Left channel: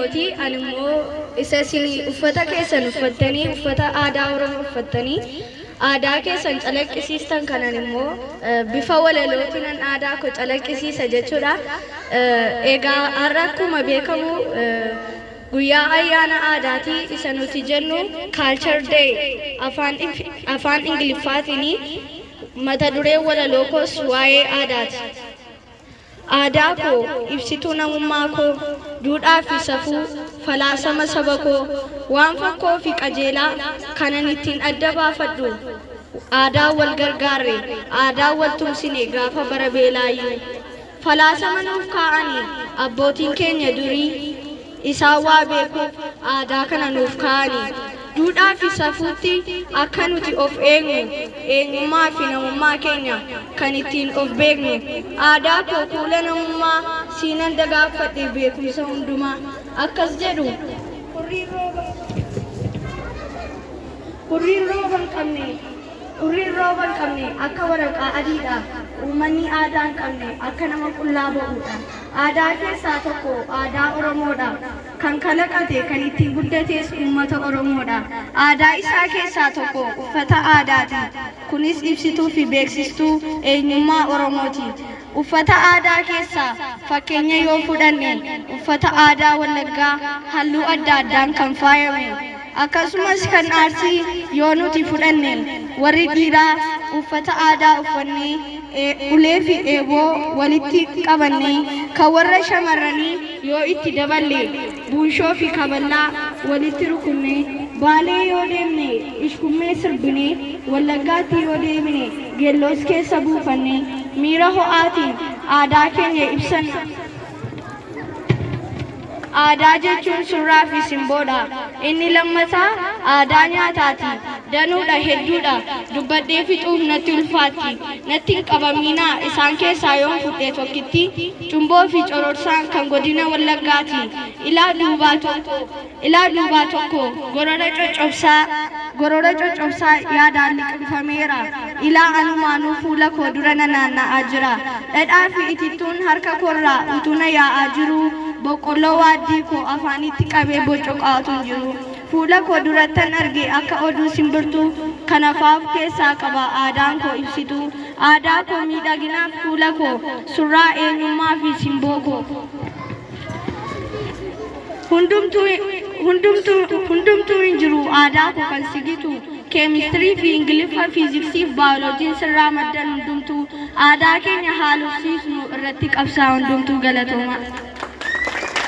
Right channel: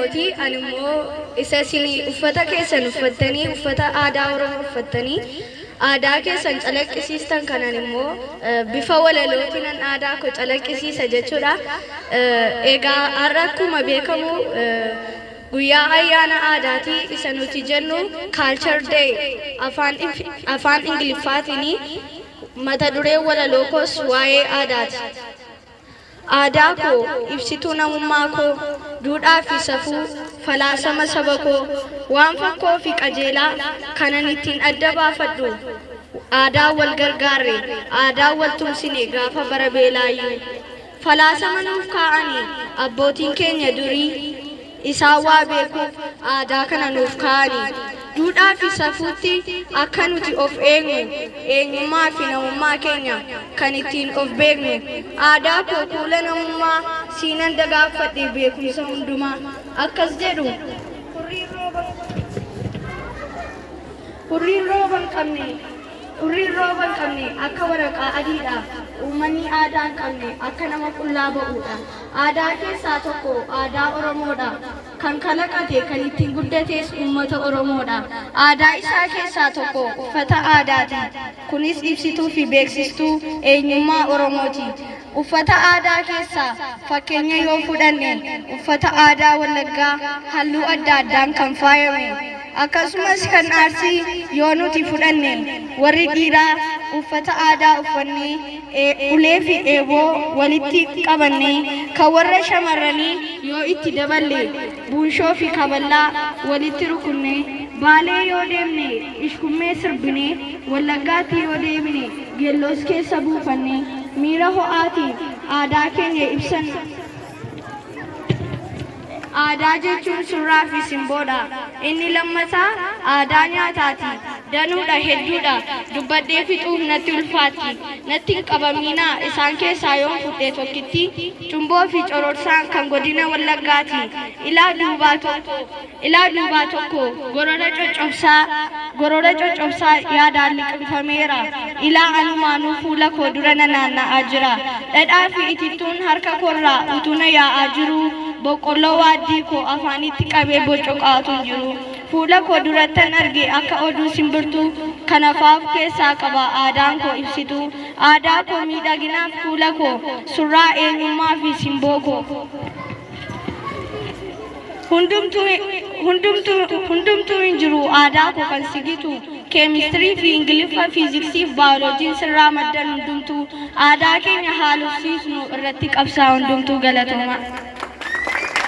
Oromooti. Ani immoo isa isin uffata keessan uffattanii uffata aadaa Oromoo uffattanii aadaa keessan calaqqisiistan kanan immoo bifa walalootiin aadaa koo calaqqisiisa jechuudha. Egaa har'a akkuma beekamu guyyaa ayyaana aadaati isa nuti jennu Culture Day afaan Ingiliffaatiin mata duree walaloo koos waa'ee aadaati. Aadaa koo ibsituu namummaa koo duudhaa fi safuu falaasama saba koo waan fakkoo fi qajeelaa kanan ittiin adda baafadhu aadaa wal gargaarre aadaa wal tumsine gaafa bara beelaayyuu falaasama nuuf kaa'anii abbootiin keenya durii isaan waa beekuuf aadaa kana nuuf kaa'anii duudhaa fi safuutti akka nuti of eegnu eenyummaa fi namummaa keenya kan ittiin of beeknu aadaa koo kuula namummaa siinan dagaagfadhe beekumsa hundumaa akkas jedhu hurriin rooba hin qabne akka waraqaa adiidha uummanni aadaa hin qabne akka nama qullaa ba'uudha. Aadaa keessaa tokko aadaa Oromoodha. Kan kalaqate kan ittiin guddates uummata Oromoodha. Aadaa isaa keessaa tokko uffata aadaati. Kunis ibsituu fi beeksistuu eenyummaa Oromooti. Uffata aadaa keessaa fakkeenya yoo fudhanne uffata aadaa Wallaggaa halluu adda addaan kan faayame. Akkasumas kan Arsii yoo nuti fudhanne warri dhiiraa uffata aadaa uffannee ulee fi eeboo walitti qabannee kan warra shamarranii yoo itti daballe buushoo fi kaballaa walitti rukunne baalee yoo deemne ishkummee sirbine Wallaggaatti yoo deemne geelloos keessa buufanne miira ho'aatiin aadaa keenya ibsanna. Aadaa jechuun surraa fi simboodha. Inni lammataa aadaa nyaataati. Danuudha hedduudha. Dubbadhee fixuuf natti ulfaatti. Natti hin qabamiinaa isaan keessaa yoon fudhee tokkitti cumboo fi cororsaan kan godina Wallaggaati. Ilaa duubaa tokko gorora coccobsaa yaadaan liqimfameera. Ilaa anumaanuu fuula koo dura nanaanna'aa jira. Dhadhaa fi itittuun harka koorraa utuna yaa'aa jiru. Boqqolloo waaddii koo afaanitti qabee bocoqaatu jiru. Fuula koo durattan arge akka oduu simbirtuu kan afaaf keessaa qaba aadaan koo ibsitu. Aadaa koo miidhaginaaf fuula koo surraa eenyummaa fi simboo koo. Hundumtuu hin jiru aadaa koo kan sigitu. Keemistirii fi Ingiliffa fiiziksii fi baayoloojiin sirraa maddan hundumtuu aadaa keenya haalufsiisnu irratti qabsaa hundumtuu galatooma.